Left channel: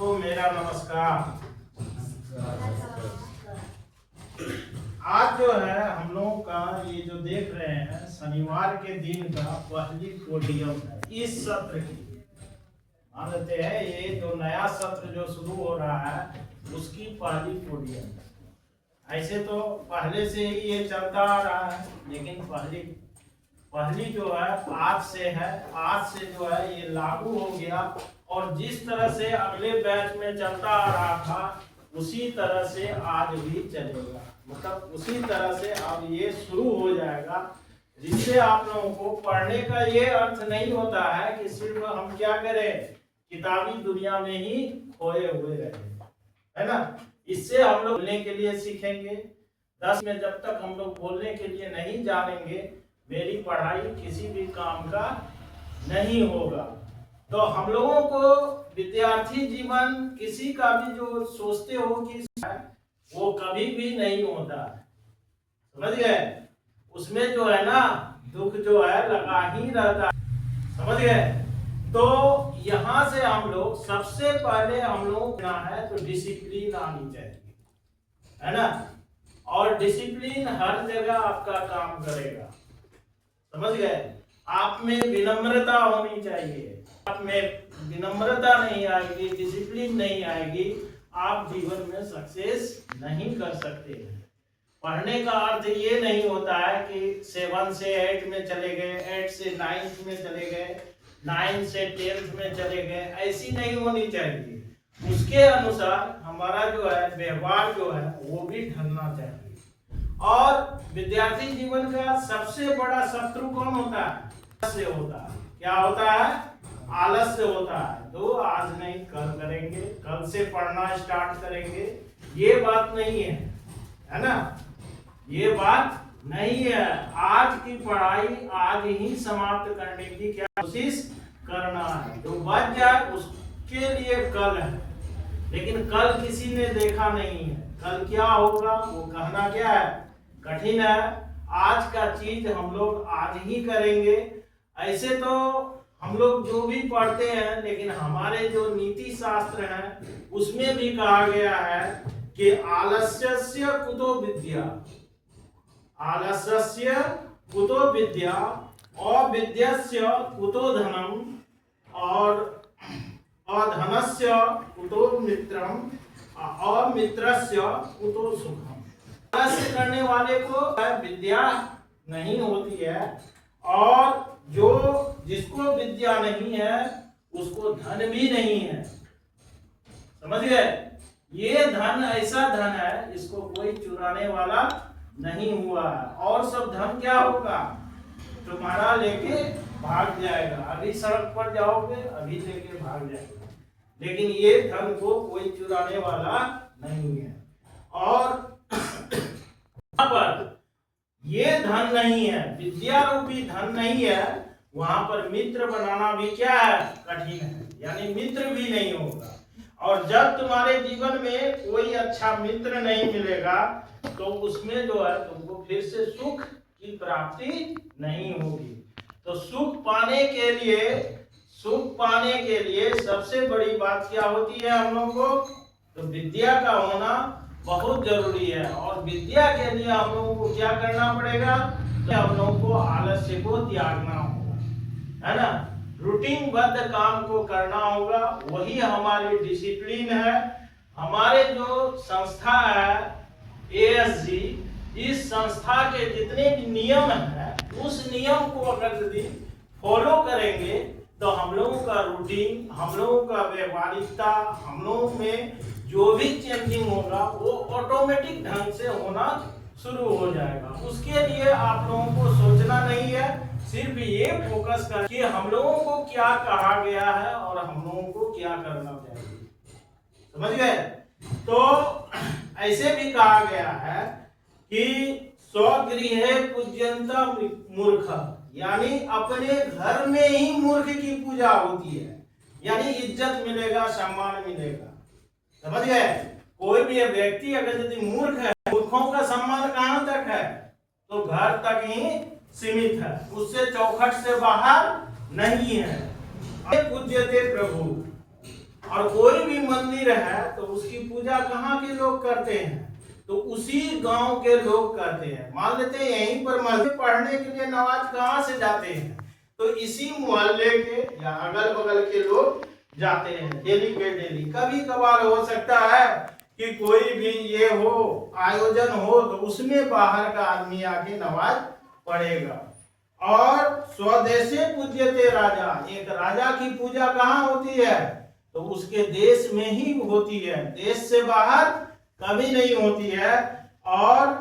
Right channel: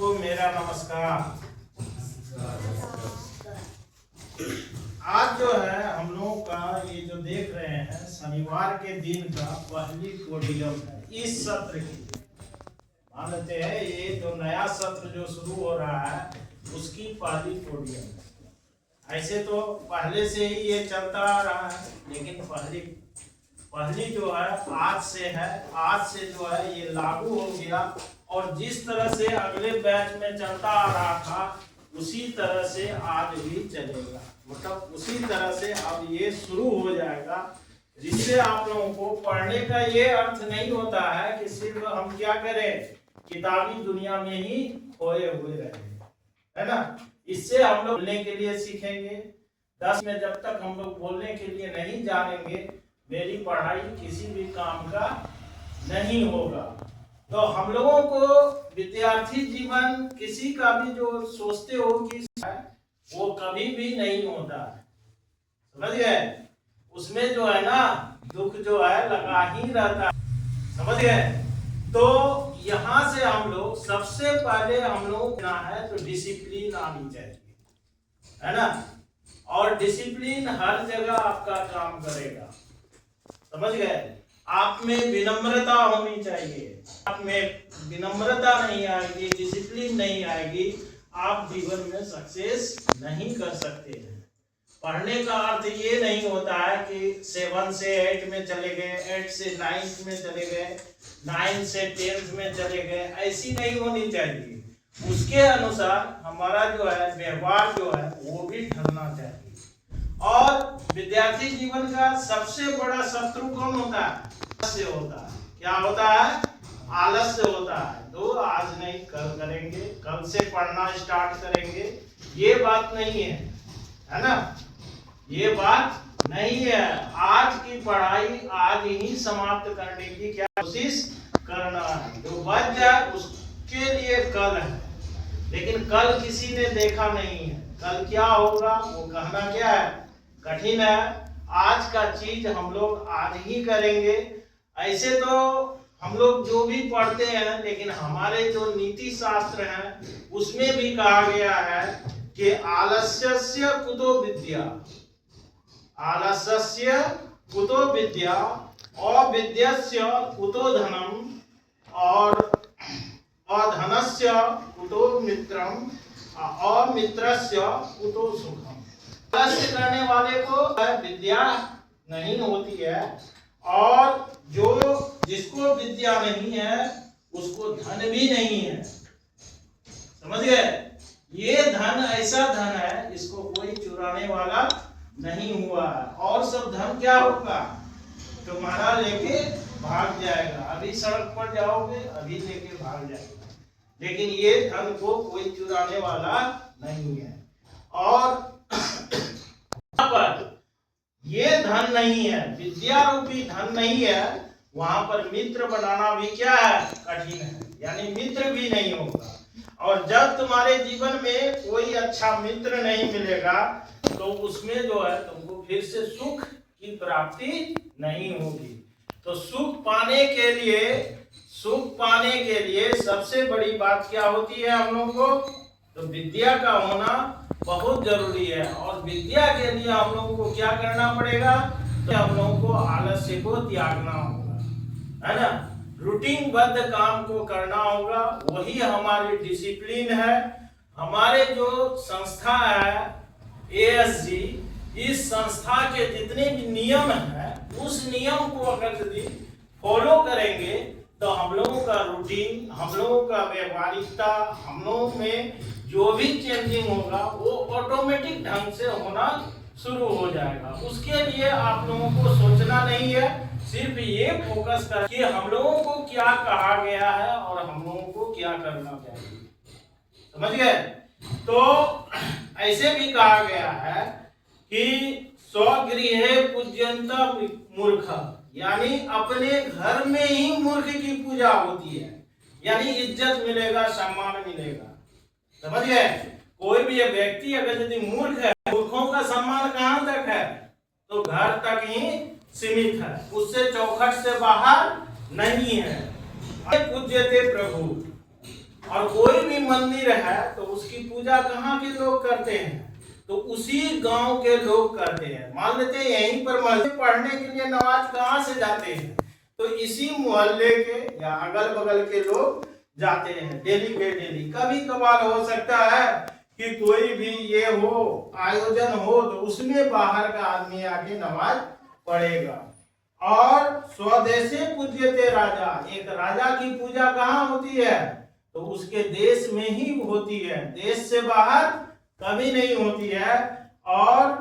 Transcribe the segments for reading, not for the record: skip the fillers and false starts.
सबको मेरा नमस्कार। आज जो है हम लोगों का ये जो देख रहे हैं शनिवार के दिन का पहली पोडियम है इस सत्र की। मानते हैं ये जो नया सत्र जो शुरू हो रहा है उसकी पहली पोडियम है। ऐसे तो पहले से ही ये चलता आ रहा है, लेकिन पहली जो है आज से है। आज से जो है ये लागू हो गया और जिस तरह से अगले बैच में चलता आ रहा था उसी तरह से आज भी चलेगा। मतलब उसी तरह से अब ये शुरू हो जाएगा, जिससे आप लोगों को पढ़ने का ये अर्थ नहीं होता है कि सिर्फ हम क्या करें, किताबी दुनिया में ही खोए हुए रहे, है ना। इससे हम लोग बोलने के लिए सीखेंगे। 10 में जब तक हम लोग बोलने के लिए नहीं जानेंगे, मेरी पढ़ाई किसी भी काम का नहीं होगा। तो हम लोगों को विद्यार्थी जीवन किसी का भी जो सोचते हो कि वो कभी भी नहीं होता है, समझ गए। उसमें जो है ना दुख जो है लगा ही रहता है, समझ गए। तो यहाँ से हम लोग सबसे पहले हम लोग ना है तो डिसिप्लिन आनी चाहिए, है ना। और डिसिप्लिन हर जगह आपका काम करेगा, समझ गए। आप में विनम्रता होनी चाहिए। आप में विनम्रता नहीं आएगी, डिसिप्लिन नहीं आएगी, आप जीवन में सक्सेस नहीं कर सकते हैं। पढ़ने का अर्थ ये नहीं होता है कि 7 से 8 में चले गए, 8 से 9 में चले गए, 9 से 10 में चले गए, ऐसी नहीं होनी चाहिए। उसके अनुसार हमारा जो है व्यवहार जो है वो भी ढलना चाहिए। और विद्यार्थी जीवन का सबसे बड़ा शत्रु कौन होता है? आलस्य होता है। क्या होता है? आलस्य होता है। तो आज नहीं कल करेंगे, कल से पढ़ना स्टार्ट करेंगे, ये बात नहीं है ना। ये बात नहीं है। आज की पढ़ाई आज ही समाप्त करने की क्या कोशिश करना है। जो बच जाए उसके लिए कल है, लेकिन कल किसी ने देखा नहीं है। कल क्या होगा वो कहना क्या है, कठिन है। आज का चीज हम लोग आज ही करेंगे। ऐसे तो हम लोग जो भी पढ़ते हैं, लेकिन हमारे जो नीति शास्त्र है उसमें भी कहा गया है कि आलस्यस्य कुतो विद्या, आलस्यस्य कुतो विद्या, अविद्यस्य कुतो धनम, और अधनस्य कुतो मित्रम, अमित्रस्य कुतो सुखम। आलस्य करने वाले को विद्या नहीं होती है, और जो जिसको विद्या नहीं है उसको धन भी नहीं है, समझ गए। ये धन ऐसा धन है इसको कोई चुराने वाला नहीं हुआ है। और सब धन क्या होगा, तुम्हारा लेके भाग जाएगा। अभी सड़क पर जाओगे, अभी लेके भाग जाएगा, लेकिन ये धन को कोई चुराने वाला नहीं है। और पर ये धन नहीं है, विद्या रूपी धन नहीं है, वहां पर मित्र बनाना भी क्या है, कठिन है। यानी मित्र भी नहीं होगा। और जब तुम्हारे जीवन में कोई अच्छा मित्र नहीं मिलेगा तो उसमें जो है तुमको फिर से सुख की प्राप्ति नहीं होगी। तो सुख पाने के लिए सबसे बड़ी बात क्या होती है हम लोगों को, तो विद्या का होना बहुत जरूरी है। और विद्या के लिए हम लोगों को क्या करना पड़ेगा, तो हम लोगों को आलस्य को त्यागना होगा, है ना। रूटीन बद्ध काम को करना होगा, वही हमारी डिसिप्लिन है। हमारे जो संस्था है ASG, इस संस्था के जितने भी नियम है उस नियम को अगर यदि फॉलो करेंगे तो हम लोगों का रूटीन, हम लोगों का व्यवहारिकता, हम लोगों में जो भी चेंजिंग होगा वो ऑटोमेटिक ढंग से होना शुरू हो जाएगा। उसके लिए आप लोगों को सोचना नहीं है, सिर्फ ये फोकस कर कि हम लोगों को क्या कहा गया है और हम लोगों को क्या करना चाहिए, समझ गए। तो ऐसे भी कहा गया है कि स्वगृहे पूज्यन्त मूर्ख, यानी अपने घर में ही मूर्ख की पूजा होती है। यानी इज्जत मिलेगा, सम्मान मिलेगा, समझ गए। कोई भी व्यक्ति अगर यदि मूर्ख है, मूर्खों का सम्मान कहां तक है, तो घर तक ही सीमित है, उससे चौखट से बाहर नहीं है। पूज्यते प्रभु, और कोई भी मंदिर है तो उसकी पूजा कहाँ के लोग करते हैं? तो उसी गांव के लोग करते हैं। मान लेते हैं यहीं पर मस्जिद पढ़ने के लिए नमाज कहाँ से जाते हैं? तो इसी मोहल्ले के या अगल बगल के लोग जाते हैं डेली के डेली। कभी कभार हो सकता है कि कोई भी ये हो आयोजन हो तो उसमें बाहर का आदमी आके नमाज पढ़ेगा। और स्वदेशे पूज्यते राजा, एक राजा की पूजा कहाँ होती है? तो उसके देश में ही होती है, देश से बाहर कभी नहीं होती है। और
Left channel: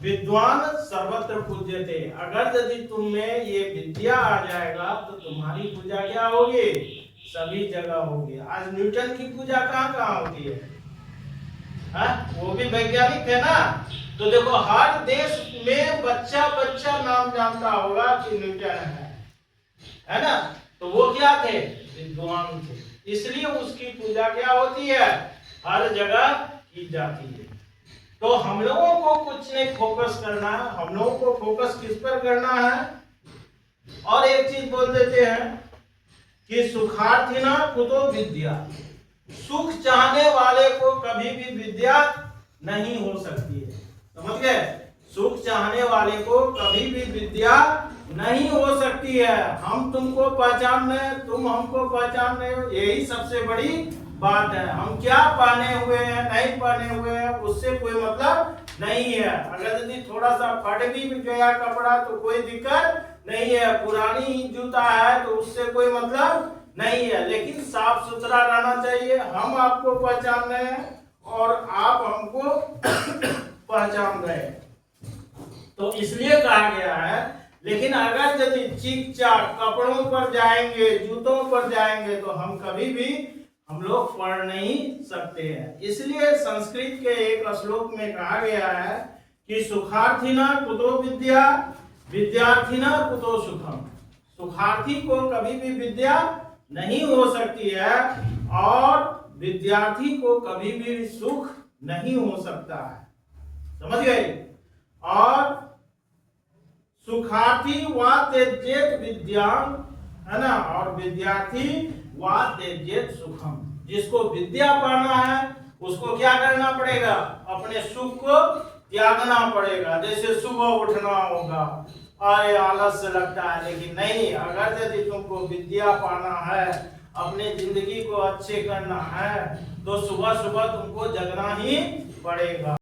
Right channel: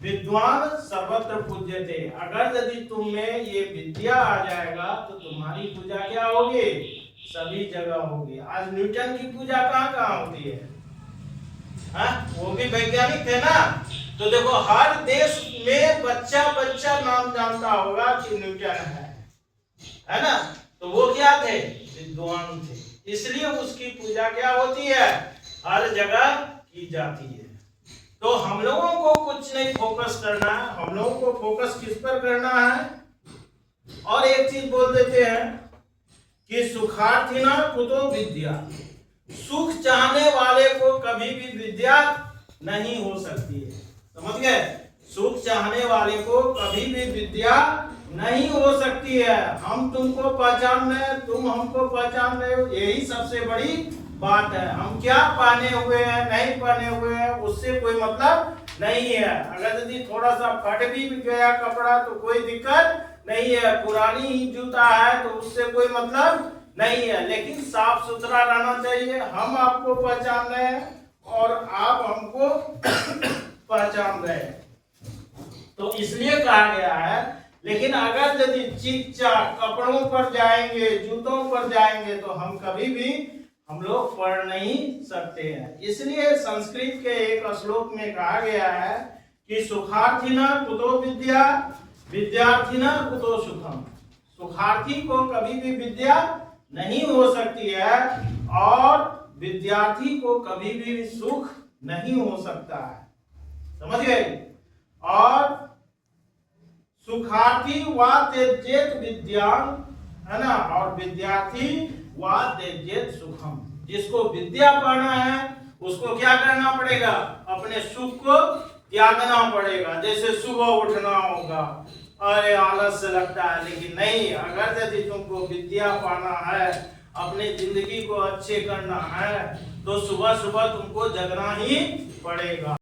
विद्वान सर्वत्र पूज्यते, अगर यदि तुम में ये विद्या आ जाएगा तो तुम्हारी पूजा क्या होगी? सभी जगह होगी। आज न्यूटन की पूजा कहाँ कहाँ होती है? वो भी वैज्ञानिक थे ना। तो देखो हर देश में बच्चा बच्चा नाम जानता होगा कि न्यूटन है ना। तो वो क्या थे? विद्वान थे, इसलिए उसकी पूजा क्या होती है? हर जगह की जाती है। तो हम लोगों को कुछ नहीं फोकस करना है, हम लोगों को फोकस किस पर करना है? और एक चीज बोल देते हैं कि सुखार्थिना कुतो विद्या, सुख चाहने वाले को कभी भी विद्या नहीं हो सकती है। समझ गए? सुख चाहने वाले को कभी भी विद्या नहीं हो सकती है। हम तुमको पहचान रहे हैं, तुम हमको पहचान रहे हो, यही सबसे बड़ी बात है। हम क्या पहने हुए हैं नहीं पहने हुए हैं उससे कोई मतलब नहीं है। अगर यदि थोड़ा सा फट भी गया कपड़ा तो कोई दिक्कत नहीं है, पुरानी ही जूता है तो उससे कोई मतलब नहीं है, लेकिन साफ सुथरा रहना चाहिए। हम आपको पहचान रहे हैं और आप हमको पहचान रहे हैं, तो इसलिए कहा गया है। लेकिन अगर यदि चीक चाक कपड़ों पर जाएंगे, जूतों पर जाएंगे तो हम कभी भी हम लोग पढ़ नहीं सकते हैं। इसलिए संस्कृत के एक श्लोक में कहा गया है कि सुखार्थिना कुतो विद्या, विद्यार्थिना कुतो सुखम। सुखार्थी को कभी भी विद्या नहीं हो सकती है और विद्यार्थी को कभी भी सुख नहीं हो सकता है। समझ गए? और सुखार्थी वा त्यजेत विद्यां, है ना, और विद्यार्थी वा त्यजेत सुखम। जिसको विद्या पाना है उसको क्या करना पड़ेगा? अपने सुख को त्यागना पड़ेगा। जैसे सुबह उठना होगा, अरे आलस्य लगता है, लेकिन नहीं, अगर यदि तुमको विद्या पाना है, अपने जिंदगी को अच्छे करना है तो सुबह सुबह तुमको जगना ही पड़ेगा।